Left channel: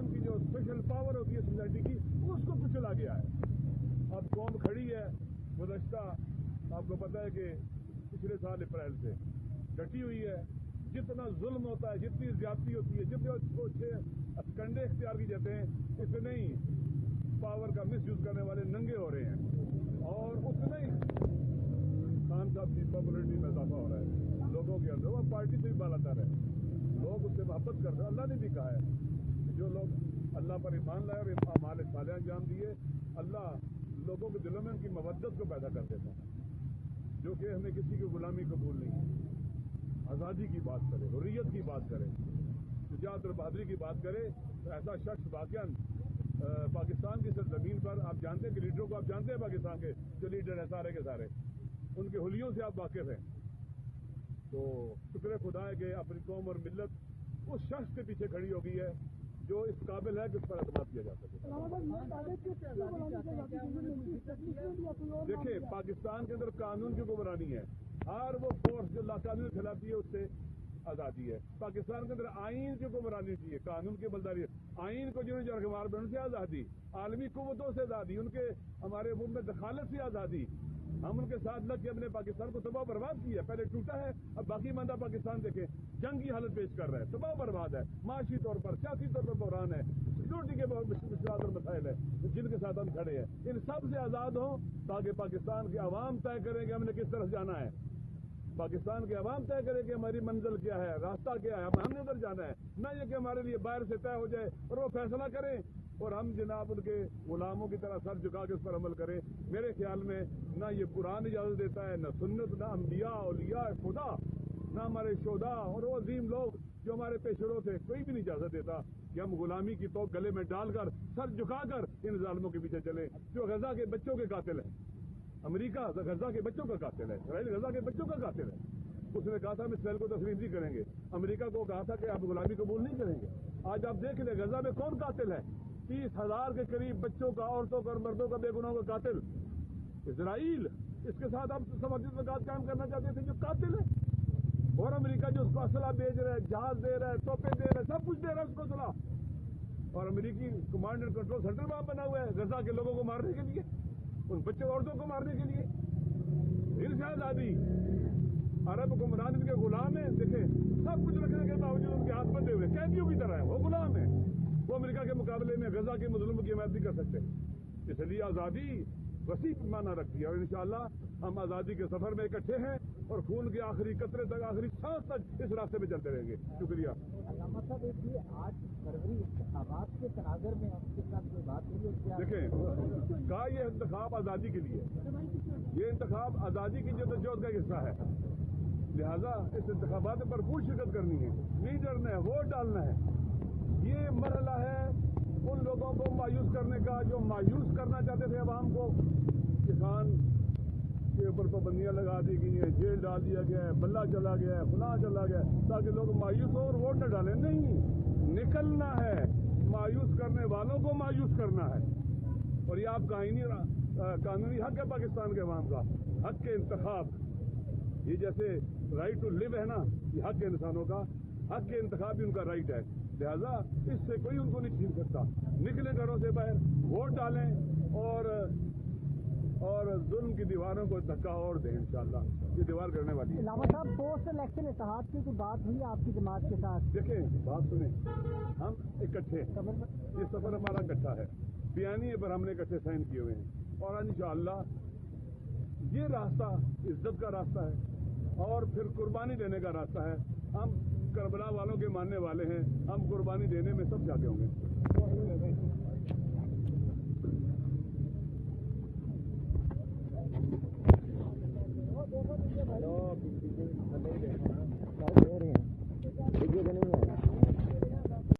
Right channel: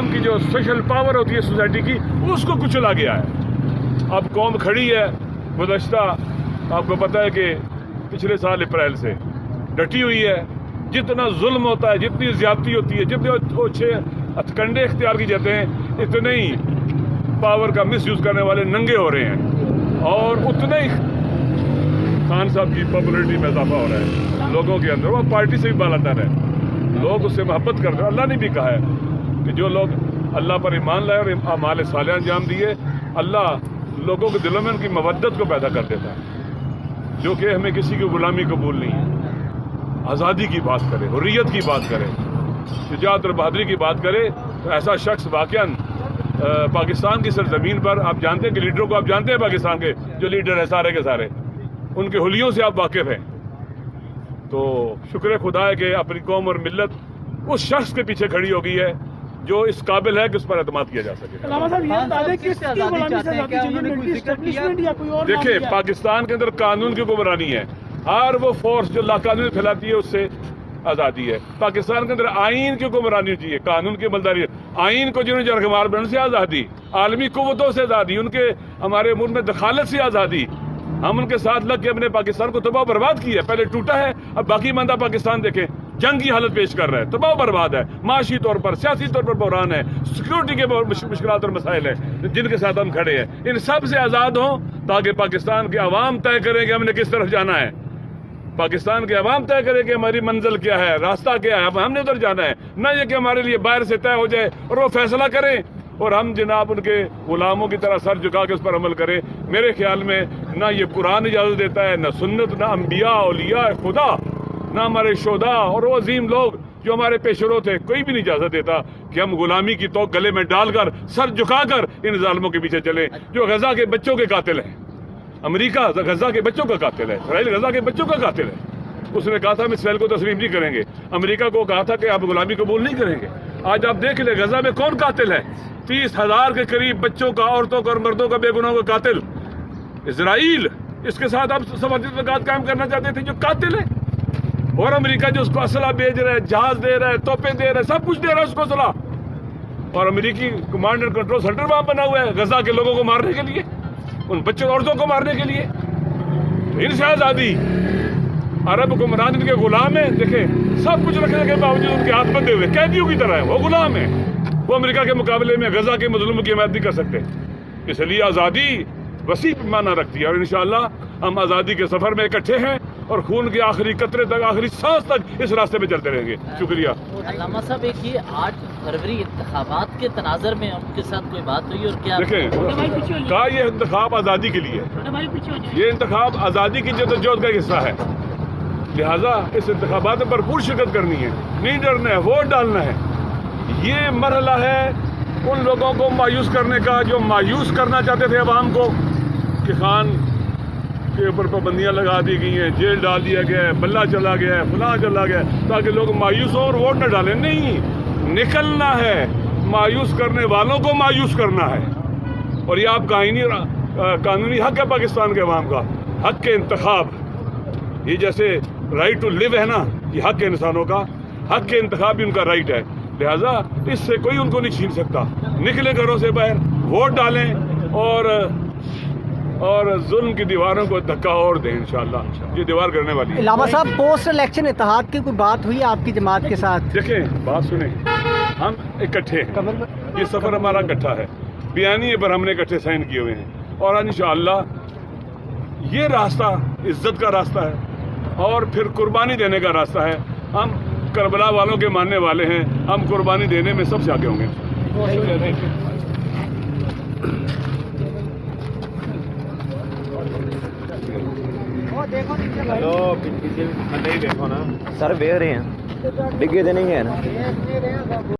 عوام کی جو اسپیشل پاور ہوتی ہے سوسائٹی کی اس کو کچلا گیا ہے. اب قوم کھڑی ہے. گزشتہ آپ کو پتہ ہے کہ پچھلے سال اپریل سے ڈٹی ہوئی ہے. جتنا ظلم ہوتا ہے, جتنی زیادتی ہوتی ہے, جتنے اچھے ہتھکنڈے اختیار کی جاتے ہیں, اتنے ہی پاور کا مس یوز کرنے والے ننگے ہو رہے ہیں, اور اتنے ہی خان صاحب کی پاپولرٹی میں اضافہ ہو رہا ہے لوگوں کے اندر. وہ پارٹی سے بھی بالاتر ہے, لوگ اس سے محبت کرتے ہیں. اللہ نے بھی کہا ہے کہ جو لوگ اللہ پر ایمان لائے اور اعمال صالحہ انجام دیے, اللہ لوگوں کے دلوں میں ان کی مودت کو پیدا کر دیتا ہے. جو کہ ہمیں کسی کی غلامی قبول نہیں ہے. آزادی کی بات کرے, حریت کی بات کرے, شجاعت اور بہادری کی بات کرے, تو ایسا شخص واقعاً پاکستان کی سرزمین پر, آپ جانتے ہیں کہ لیڈروں کو آپ جانتے ہیں پاکستان کے جو لیڈر ہیں سارے کے سارے, ان کے حلیوں سے آپ واقف ہیں. تو شکر خدا ہے کہ اپنی قوم اور ملت اس شخص کے پیچھے کھڑی ہو گئی ہے جو اس قابل ہے کہ اس پر اعتماد کیا جا سکے. دیکھیں, پاکستان کے اندر قانون کی حکمرانی ہے. ہر وہ فورس جو لاقانونی پھیلاتی ہے اس سے آزادی ہے. پاکستان کے اندر آئین کی حکمرانی ہوتی ہے, قانون کی عملداری. آئین کو جنہوں نے جرگمار بننے سے آزادی, عالمی قوتوں سے آزادی, ان کے ہمارے ملک میں دخالت سے آزادی. ہم ان کے ساتھ لگ کے اپنے پاکستان کو تباہ و برباد کیا ہے. پہلے ٹوٹا ہے, اب باقی ماندہ پاکستان دیکھیں جنگ کی حالت پیش کر رہا ہے, تباہ و برباد ہے. معاشی طور پر, سیاسی طور پر بحران ہے, سیکورٹی کے مشکلات اور مسائل ہیں جن کے ساتھ ہم کھڑے ہیں. ان سب سے آزاد ہوں تاکہ پاکستان کے عوام طے کریں کہ ہم نے کس طرف جانا ہے. پاکستان کے عوام طے کرے کہ ہماری منزل کیا ہے, راستہ کیا ہے, ہم نے ادھر جانا ہے. نہ یہ کہ ہمارے لیے باہر سے طے ہو جائے اور وہ فیصلہ کریں اور ہم جناب ان کے غلاموں کی طرح سر جھکا کے اس پر عمل کریں. میرے خیال میں نہ یہ قرآن اجازت دیتا ہے, نہ سنت, نہ انبیاء اولیاء خدا, نہ ہمارے شہداء اور وہ عظیم لوگ جو ہمارے پیش رو تھے, کوئی بھی نہیں اجازت دیتا کہ ہم غلامی کی توق گلے میں ڈال کر سر جھکا کر ان ظالموں کے پیچھے چلیں جو غزہ کے بچوں کے قاتل ہیں. امریکہ غزہ کے بچوں کا قاتل ہے, اسرائیل غزہ کے بچوں کا قاتل ہے. اس نے کہا تھا ہم اسرائیل کو تسلیم نہیں کریں گے. امریکہ کو کہا تھا کہ آپ غلامی قبول نہیں کریں گے. آج آپ دیکھ لیں غزہ میں کون قاتل ہے. 30,000 کے قریب بچوں کا, عورتوں کا اور مردوں کا بے گناہوں کا قاتل اسرائیل. اس کے ساتھ آپ سفارتی تعلقات قائم کرنا چاہتے تھے جو قاتل ہے. اور امریکہ جو اس کو اسلحہ بھیج رہا ہے, جہاز دے رہا ہے, توپیں دے رہا ہے, سب کچھ دے رہا ہے اس کو اسلحہ. اور امریکی کمانڈ اینڈ کنٹرول سینٹر وہاں بنا ہوا ہے غزہ کے لوگوں کو مارنے کے لیے, ان بچوں عورتوں کو مارنے کے لیے. ان سے آزادی. عرب حکمران ان کے غلام ہیں. دیکھیں سب کچھ رکھنے کے باوجود ان کے ہاتھ بندھے ہوئے قیدیوں کی طرح ہیں, وہ غلام ہیں. وہ امریکہ کے مقابلے میں غزہ کے مظلوموں کی حمایت نہیں کر سکتے. اس لیے آزادی وسیع معنی رکھتی ہے, اور انشاءاللہ ہم آزادی کے سفر میں اکٹھے ہیں اور خون کے آخری قطرے تک, آخری سانس تک اس راستے پہ چلتے رہیں گے. شکریہ. علامہ صاحب, ایک یہ 8 فروری انتخابات کے تناظر میں ان کے ساتھ کوئی بات ہوئی, اور کیا دیکھیں کہا یہ انتخاب آزادی کے لیے, یہ انتخاب آزادی کی جدوجہد کا حصہ ہے. لہٰذا اس انتخابات میں بھرپور شرکت کرنی ہے, نہیں ڈرنا ہے, ووٹ ڈالنا ہے. یہ مرحلہ ہے ان لوگوں کو مایوس کرنے کا جو مایوس کرنا چاہتے تھے عوام کو کہ خان کے اوپر پابندیاں لگا دی گئی ہیں, جیل ڈال دیا گیا ہے, بلہ چلا گیا ہے, فلاں چلا گیا ہے, تاکہ لوگ مایوس ہوں اور ووٹ نہ ڈالیں. نہیں, نکلنا ہے, مایوس کرنے والوں کو مایوس کرنا ہے. اور یہ آپ کا قانونی حق ہے پاکستان کے عوام کا, حق کے انتخاب. یہ جیسے رائٹ ٹو لیو ہے نا, یہ حق ہے انسانوں کا, حق کے انتخاب بھی ان کا رائٹ ہے. لہٰذا اس سے کوئی ان کو نہیں چھین سکتا. نکلے گھروں سے باہر, ووٹ ڈالیں اور ظلم کی دیواروں کو دھکا اور دیں. انشاءاللہ یہ دیوار کرنے والی ہے. علامہ صاحب, پوسٹ الیکشن اتحاد کی کوئی بات ہوئی آپ کی جماعت کے ساتھ؟ دیکھیں بات سنیں, ہم اکٹھے ہیں, یہ سفر ہمارا اکٹھا ہے, بیانیے پر ہم نے اکٹھے سائن کیے ہوئے ہیں, اور انشاءاللہ یہ راستہ عزت کا راستہ ہے اور پھر قربانی دینے کا راستہ ہے. ہم کربلا والوں کے ماننے والے ہیں, ہم قربانی دینے میں سب سے آگے ہوں گے. سر دیکھ رہے ہیں ڈگے تو نہیں ہے نا.